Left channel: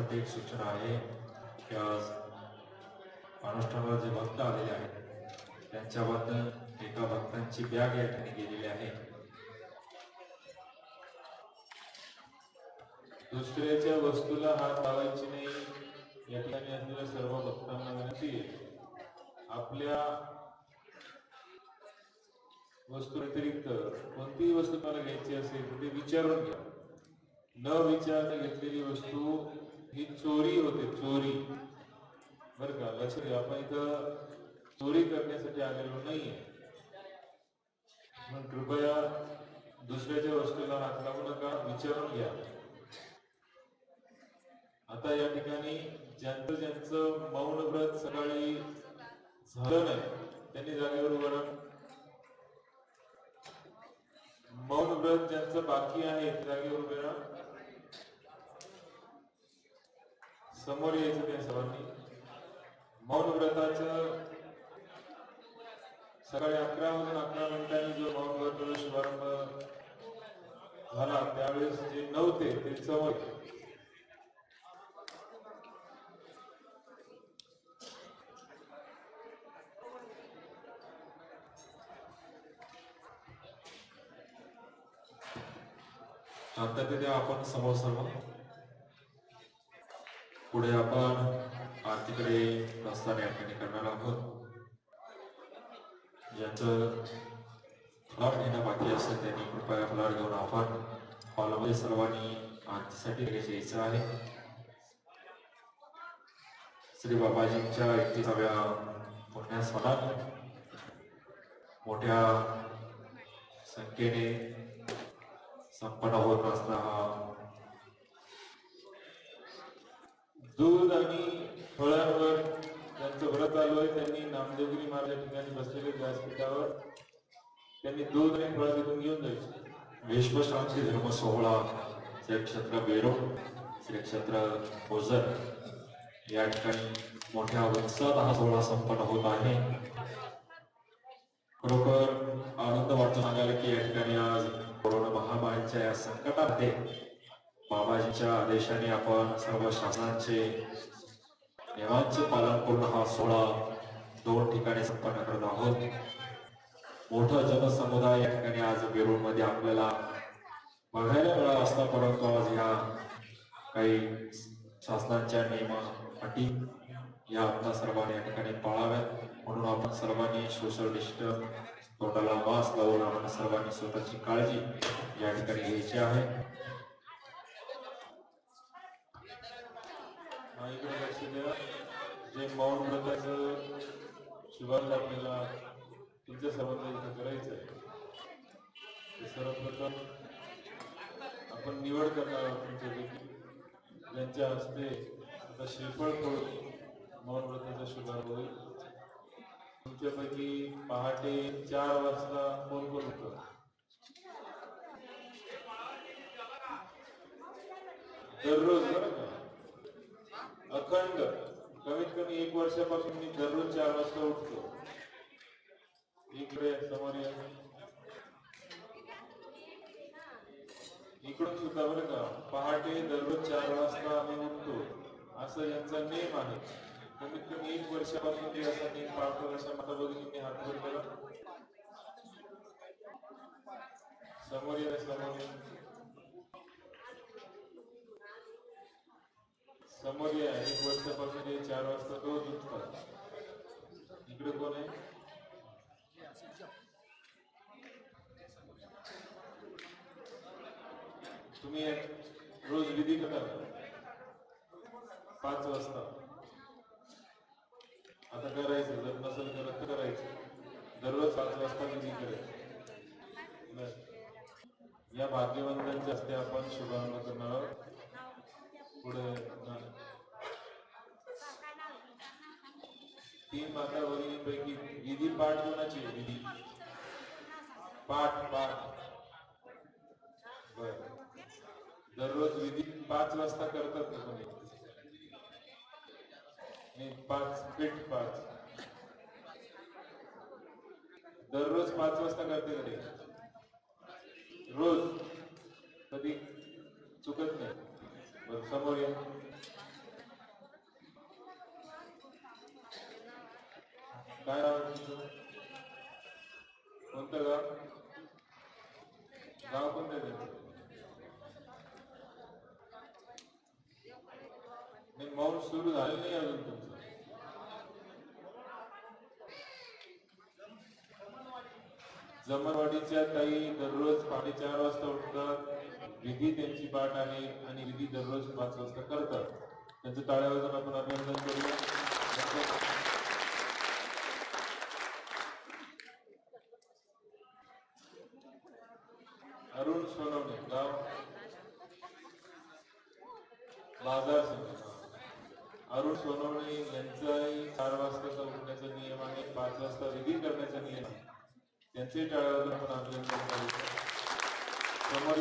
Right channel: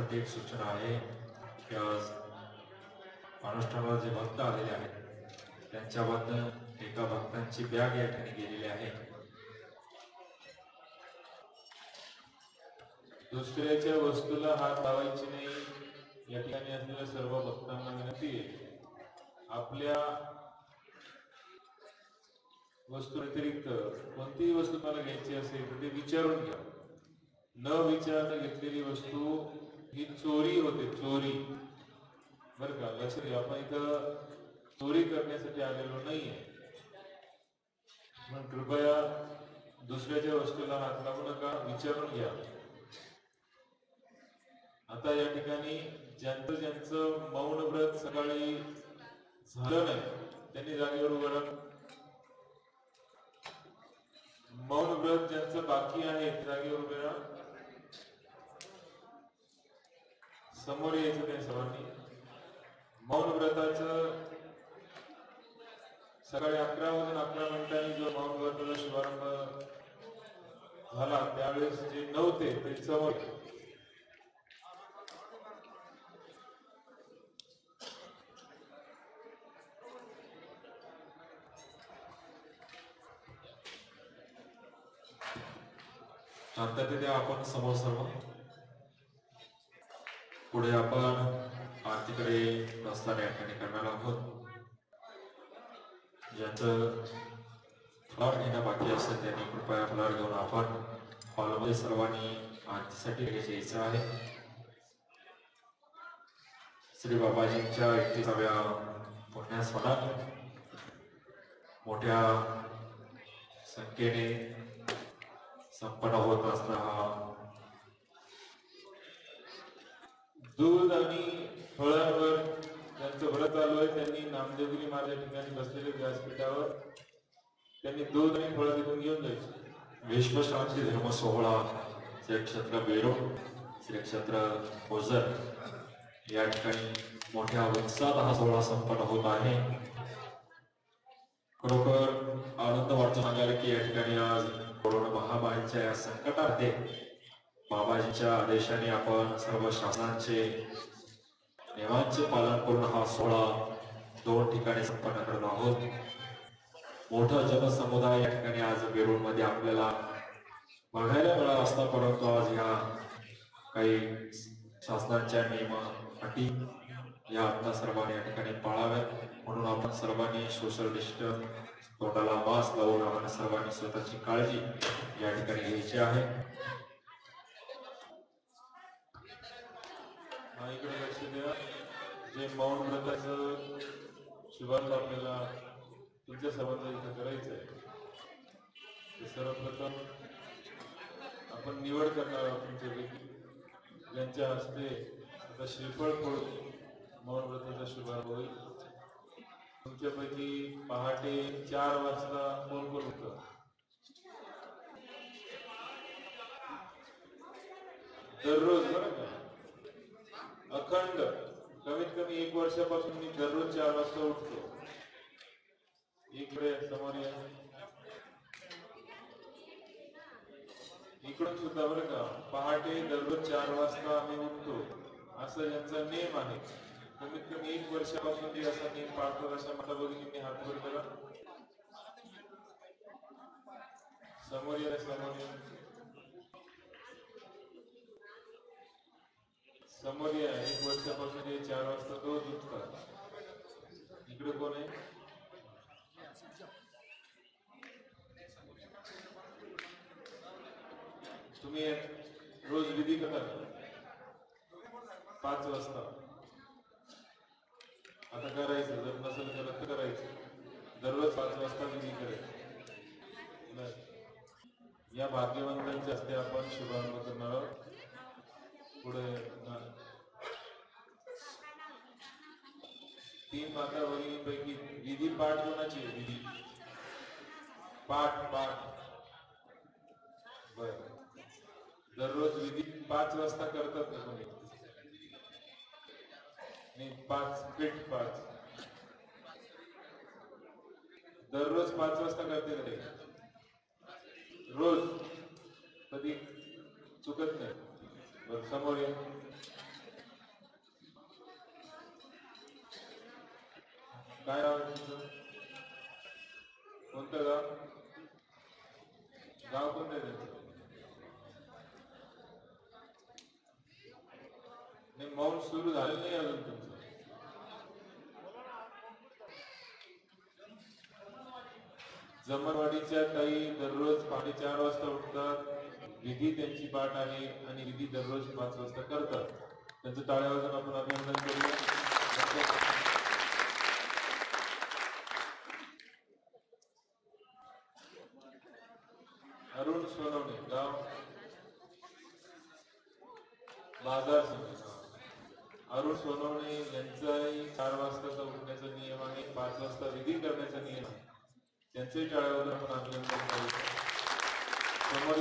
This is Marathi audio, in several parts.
या एक सूचना आहे की आज अनुष्ठानाला जे भक्त आलेले आहेत त्यांच्याबद्दल एका भक्तांची बॅग या ठिकाणी गेलेली आहे. दुसऱ्याच्या वस्तूला हात लावायची नाही या ठिकाणी असलेल्या सर्व भक्तांना विनंती आहे आपल्या वस्तू व्यतिरिक्त कोणतीही वस्तू मला घ्यायची असेल तर ते विचारून घ्या. न विचारता घेतलेली वस्तू ही चोरी होते चोरी. बर का लक्ष द्या आपण इथं चोरी करण्यासाठी आलेलो नाहीये. मग कृपया दुसऱ्याच्या वस्तूला हात लागू नका विचारून घ्या. आता या ठिकाणी ज्यांचं ज्यांचं मौन व्रत सकाळी झालं नाही त्यांनी जागेवर उभं राहा. मौन व्रत ज्यांचं बाकी आहे जागेवर उभे राहा. समोर यायचं त्या सर्वांनी मौन व्रताचं सकाळी अकरा वाजून अकरा मिनिटांनी जो मौन व्रताचा शुभारंभ झाला त्यावेळेस जे नव्हते ते समोर शांततेने आपण समोर सर्व पुढे आपण आरतीकडे प्रस्थान या ठिकाणी करणार आहोत. ज्यांचं फलाट घेणं बाकी असेल त्यांनी कृपया फलाट घेऊन आपण हॉलमध्ये सर्वांनी आरतीसाठी यायचं आहे. श्री बाबाजींच्या एकतीसाव्या पुण्यस्मरणात मोठ्या संख्येने संपन्न होत असता हा दूध आणि फळांवर त्यांचं व्रत आलो आहे त्यांनी नामदेवगिरी महाराज या ठिकाणी बसलेले व्यासपीठावर त्यांनी दूध आणि फळं तिथून घेऊन जायचे. विश्वशांती धर्म सोहळा श्री क्षेत्र बेरो श्री क्षेत्र ओझर. या ठिकाणी मोठ्या उत्साहात हा सोहळा संपन्न होत आहे. खरोखर आनंद वाटतो सांगायला की या ठिकाणी आज कोरोना महामारीच्या या संकटामध्ये बाबाजींच्या आदेशाने आपण सर्व शासनाचे नियमांचे पालन करून हा सोहळा दोन ठिकाणी संपन्न करत आहोत. मोठा जनसमुदाय या ठिकाणी आज वेरूळमध्ये आपल्याला बघायला मिळाला असता परंतु आज ह्या काही शासनाच्या नियम अटी या आता सर्वांनी या ठिकाणी पाळाव्यात. म्हणून आपण सर्वांनी सोशल डिस्टन्स तोंडाला मास्क लावून आपण सर्वांनी स्वतःची काळजी या ठिकाणी घ्यायची आहे. इकडे लक्ष द्या. जे मौन व्रताचं शुभारंभ आपल्याला तुमच्या सर्वांना इथं करायचं आहे ते सर्वप्रथम आपण निवड करणार आहोत तुमच्यापैकी. ज्यांच्या हस्ते आता श्रीफळ फोडून मौन व्रताचा शुभारंभ होईल. तुमच्यापैकी पहाटे चार वाजता कोण कोण होतं? दररोज बरं का? अखंड. कमीत कमी एक वर्षापासून मी दररोज चार वाजता उठतो. इकडे समोर इकडून सुद्धा बरं का पहाटे दररोज चार वाजता आम्ही उठतो. असा यांचा नेम आहे. कमीत कमी एक वर्षापासून ते असा नियम पाळतात अशा माता भगिनींनी हात वर केला समोर या समोर या. समोर या एक वर्षापासून हे चार वाजता रोज उठतात इकडे कोण आहे? तुम्ही रोज विधी करा. पाच वाजता. आता करायचं जर नसेल करत तर करायचं. दररोज पाच वाजता विधी करायचं या भाग्यवंतांच्या हस्ते आपण शुभारंभ करणार आहोत. पुढे तीन माता भगिनींपैकी विधी पाठ कोणाची विधी. पाठ पाठ. बर. दररोज विधी पाच वाजता करतात ना कोणी नाही पाच पीठ पाच. दररोज पाच वाजता करते रोज. कधी? चुकत नाही. बरं समोर या काय नाव आहे तुमचं कोणतं गाव गाव कोणतं आहे तुमचं नाही मौन सुरू झालं नाही अजून तुमचं जमरवाडीच्या ताई दररोज पाणी चार वाजता उठतात. विधी त्यांची पाठ आहे आणि विधी दररोज पाच वाजता करतात. त्यांचं टाळ्या वाजून आपण अभिनंदन करूया. अरुण सोनवणे गाव बाजार अरुण सोनवणे यांचाही चार वाजता उठण्याचा नियम आहे पाच वाजता विधी करण्याचा नियम आहे. त्यांचे टाळ्यावर आपण अभिनंदन करू समोर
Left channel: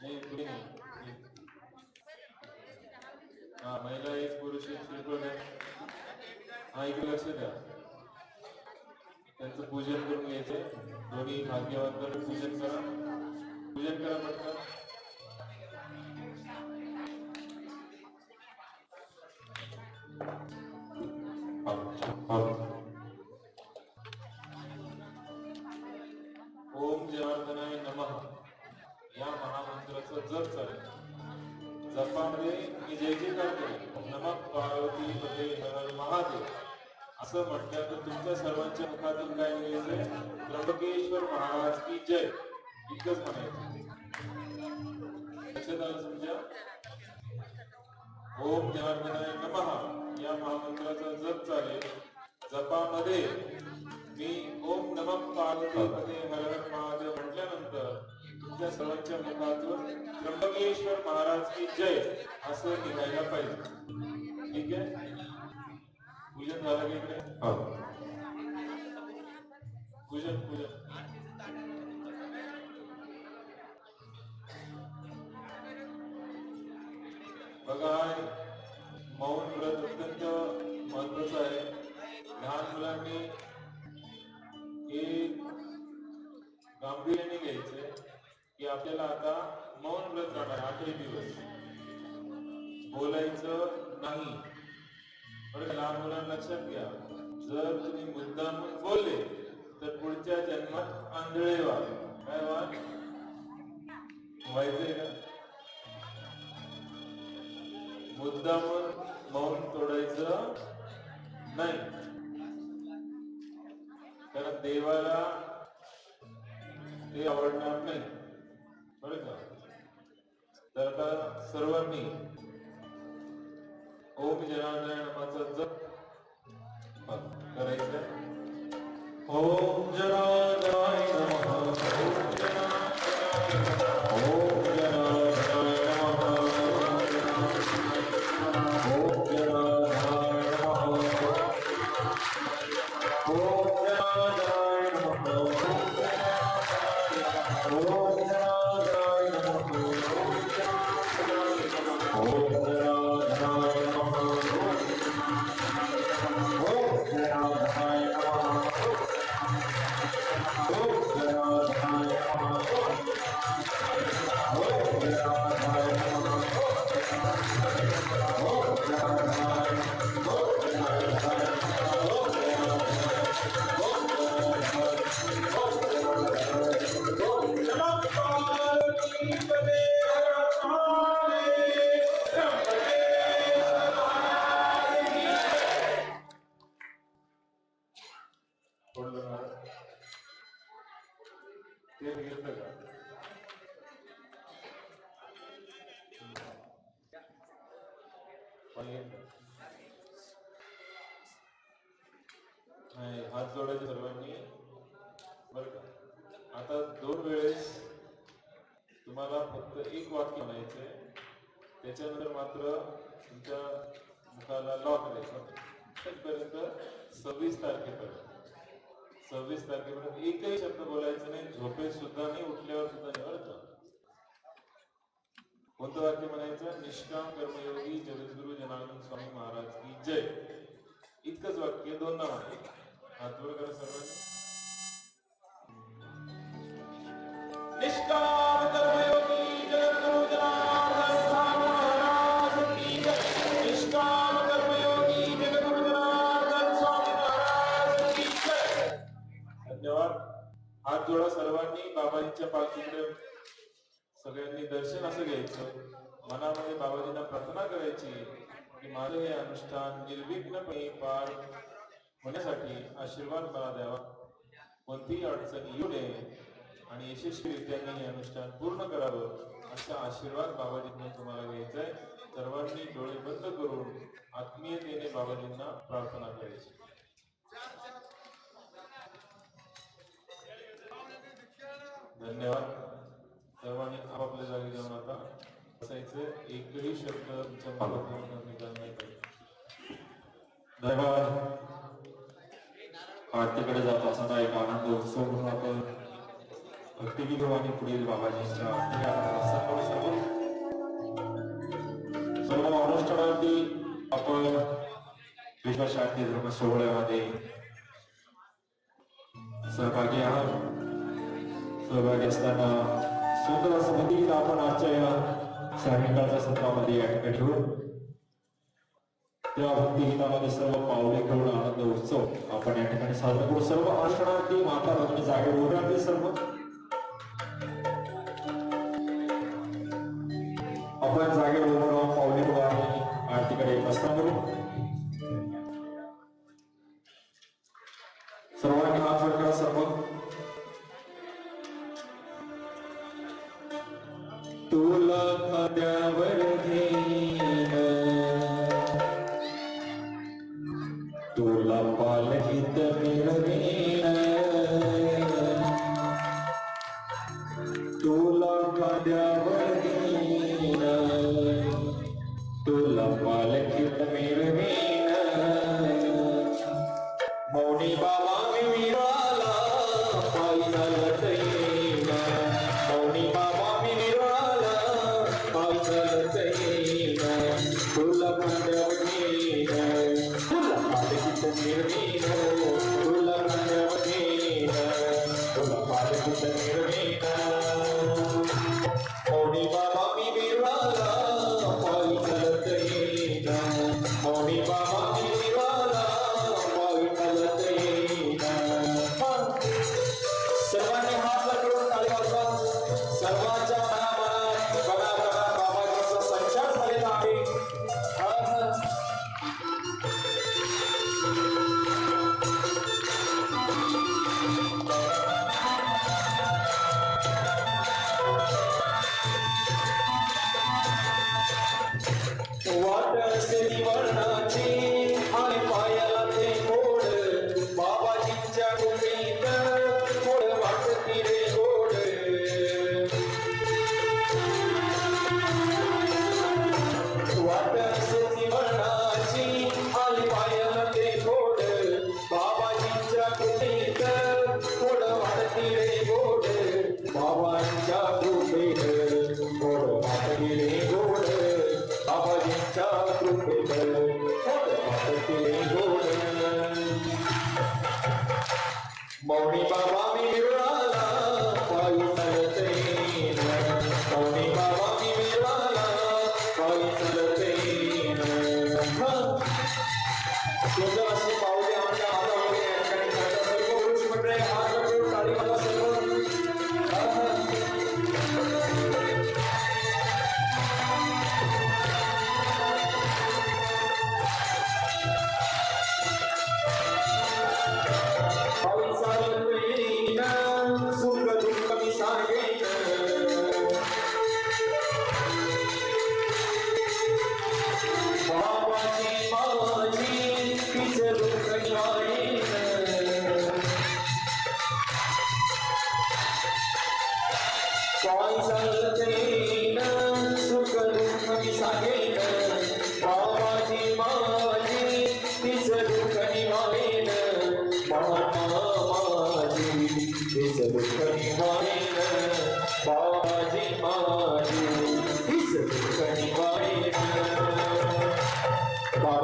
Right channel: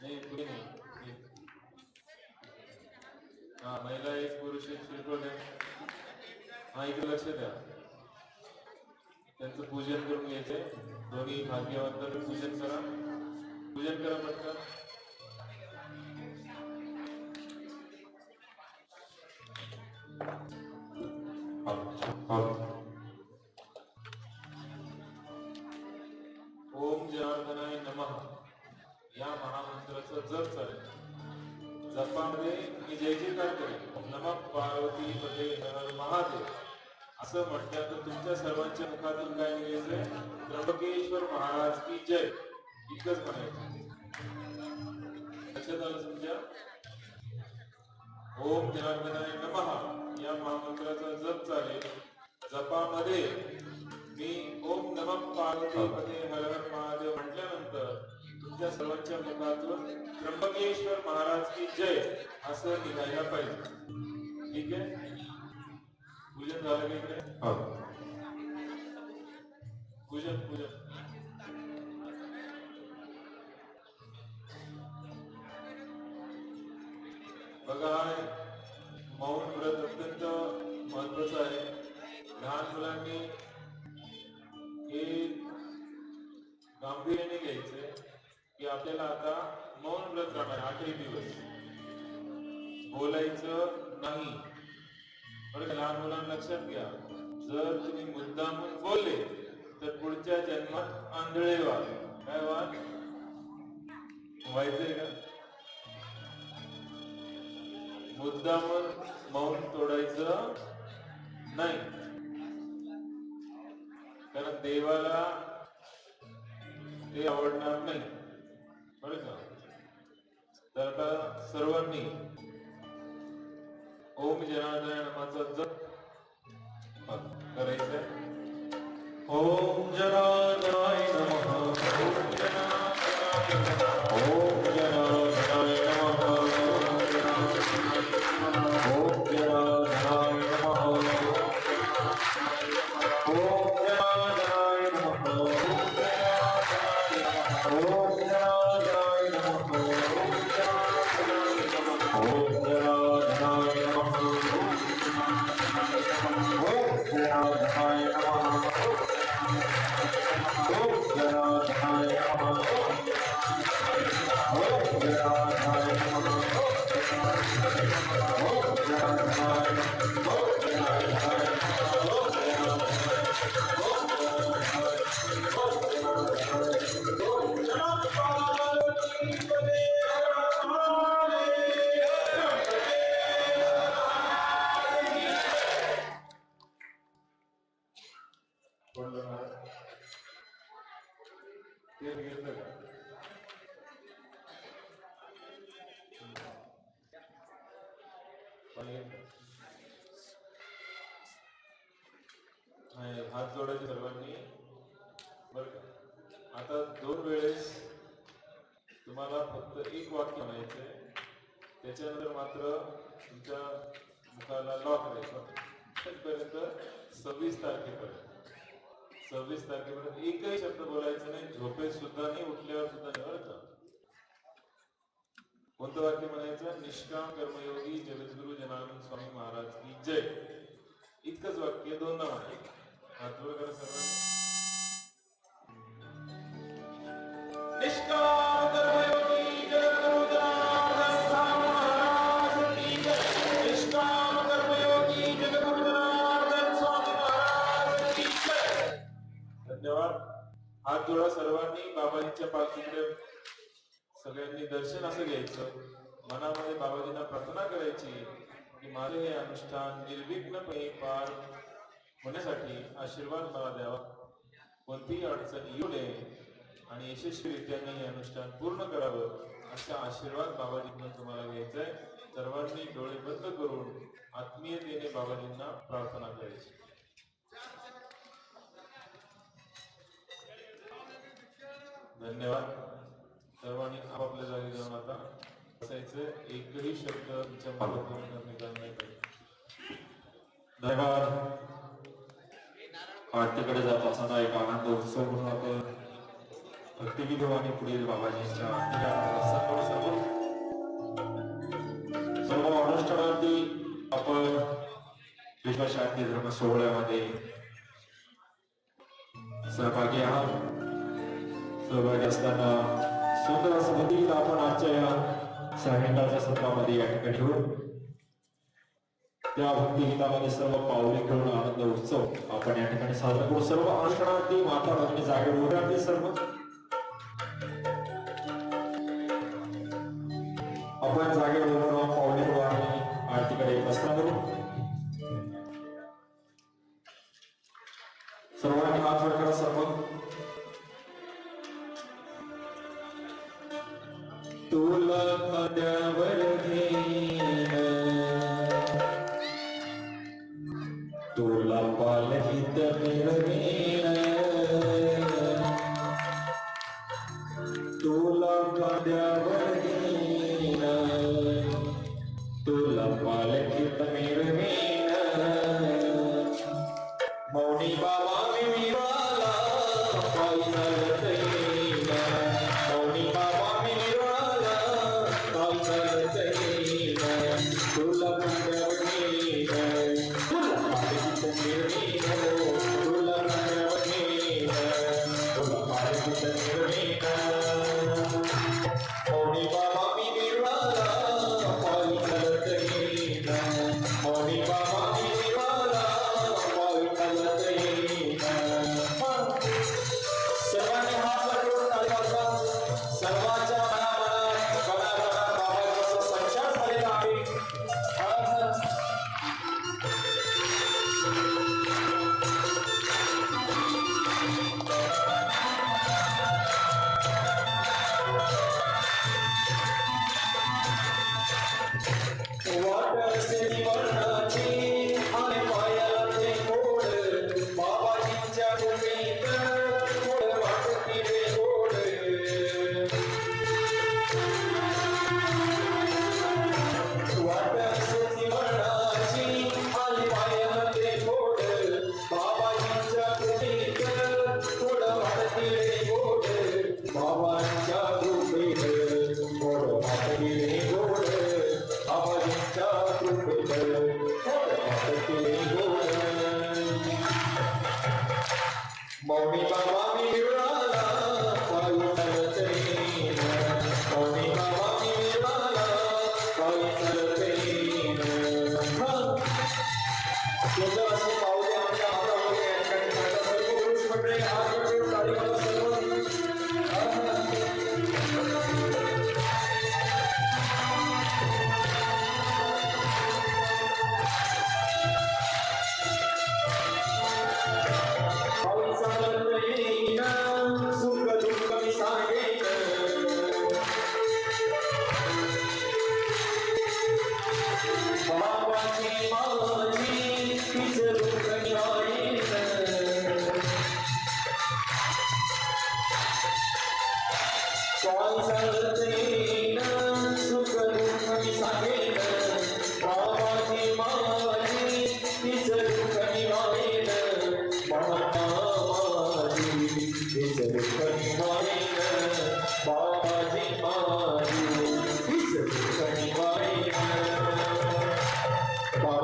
नाही पुढे नाही हा महिला एक पुरुष एक शिल्पण हा इकडे लक्ष द्या. त्यांचं पूजन करून घ्यायचंय. दोन्ही भाग्यवंतांनी पूजन करा. पूजन करा पटकन सर्वांच्या काय निघायचंय त्र्यंबकेश्वर महाराज की जय इतकंच म्हणायचं. लक्षात आलं तुमच्या? ओम जनार्दनाय नमः. या महामंत्राचा जप चालेल. जपामध्ये मी ओम नम पार्वती हरण महादेव म्हटल्यानंतर तुमच्या सर्वांच्या मुखातून त्र्यंबकेश्वर महाराज की जय असं निघायला पाहिजे. ठीक आहे? पूजन झालं की आपल्याला आता मौन व्रत राहणार आठही दिवस. बोलायचं नाही. बरं लहान मुलांना लक्षात घ्या. जर तुम्ही मुद्दाम बोलले तर पुढच्या जन्मात आंधळे व्हा. काय वा व्हायचंय का? मुद्दाम मौन तोडायचं नाही. कारण देवाला ते आवडणार नाही. तर आता सर्वांनी ओम जनार्दन जप करायचंय. ओम जनार्दनाय नमः ओम जनार्दनाय नमः ओम जनार्दनाय नमः ओम जनार्दनाय नमः ओम जनार्दनाय नमः ओम जनार्दनाय मात्र तुमच्या मुखाला लॉक करायचं तिथपर्यंत सव्वीस तारखेपर्यंत सव्वीस तारखेपर्यंत एकही शब्द बोलायचं नाही. झोपेत सुद्धा नाही उठल्यावर सुद्धा नाही कोणतं वाक्य म्हणायचं? निष्काम कर्मयोगी जगद्गुरु जनार्दन स्वामी महाराज की जय. इतकंच वाक्य दोन नाव आहे हातवर करा सर्व निष्काम तिकडे सगळ्यांनी दर्शन असं घ्यायचं. मनामध्ये बाबाजींना प्रार्थना करायची की माझे हे अनुष्ठान निर्विघ्नपणे पार होण्यासाठी आशीर्वाद मला द्यावा. कोणतीही अडचण येऊ नये आणि यशस्वीरित्याने हे अनुष्ठान पूर्ण करावं असा आशीर्वाद बाबाजींना तुम्हाला घ्यायचा आहे सर्वांनी डोळे बंद करून आत्मीयतेने बाबाजींना प्रार्थना करायची. धन्यवाद. सर्वांनी आपापल्या जागी जाऊन आता बसायचं. एकही शब्द तुमच्या मुखातून निघाला नाही. पाहिजे धन्यवाद. आरतीकडे जात असताना एक आनंद उत्सव म्हणून आपण भक्तिविधू आणि पुढील बाबाजींच्या आरतीला रस्त्याकडे सर्व सर्व अनुष्ठानावरती आपण विश्वशांती धर्म सोहळ्यामध्ये सहभागी आहात. सहभागी असताना सुंदर स्मृतीला आपण आजच्या या सायंकाळच्या सत्रामध्ये या ठिकाणी ठेवू. त्या भक्तिगीतामध्ये सर्व पावले घेऊन आनंद उत्सव आपण या ठिकाणी साजरा करू. सर्व अनुष्ठानार्थी माता भगिनी जागेवर उभे सर्व. आपण जागे मौनी बाबा मी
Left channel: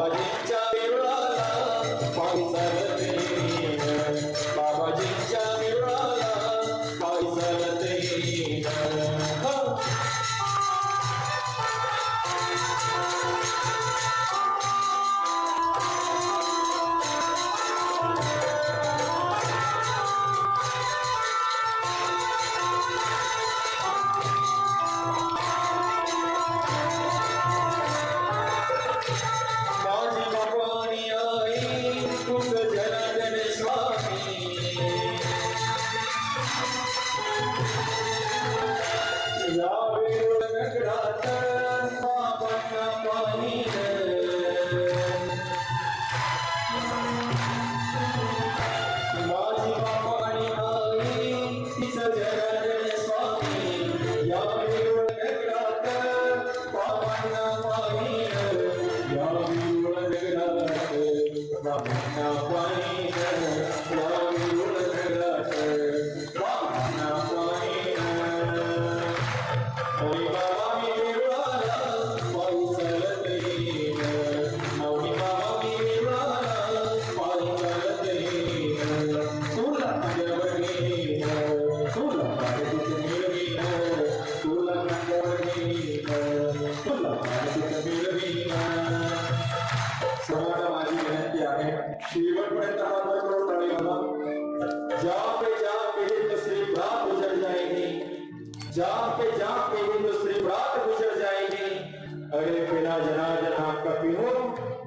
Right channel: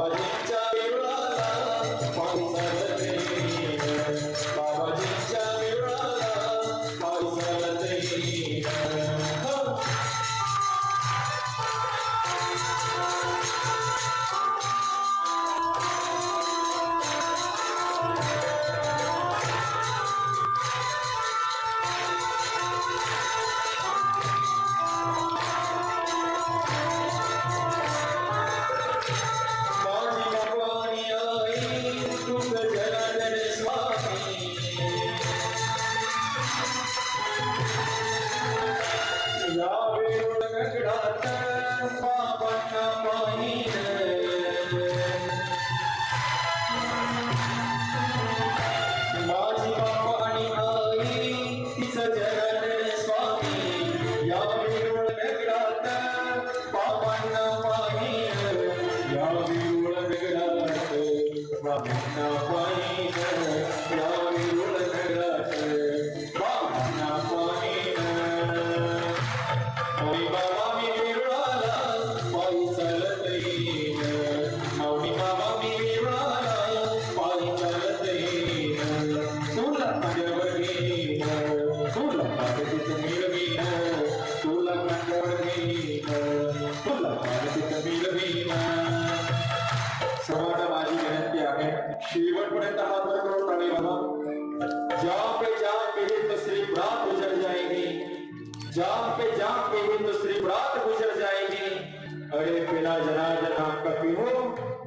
बाबाजींच्या देवळाला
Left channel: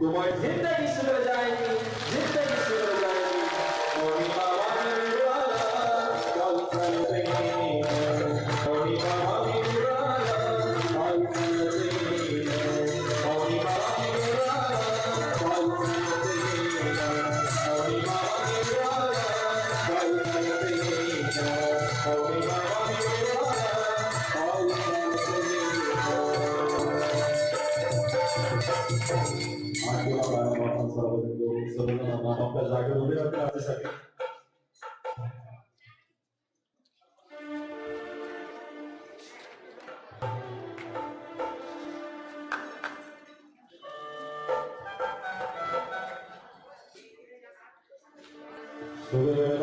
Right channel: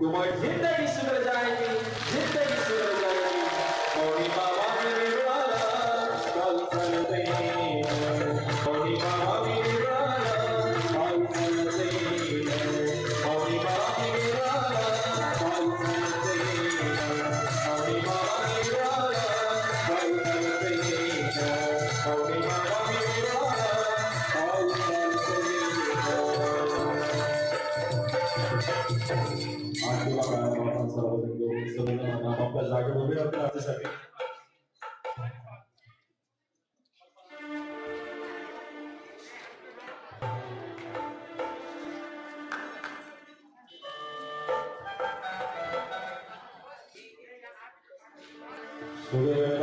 তোমার জিন্দগি সুধরে যায়নি জিন্দগি সুধরে जागे बोले और राज्य सके Thank you.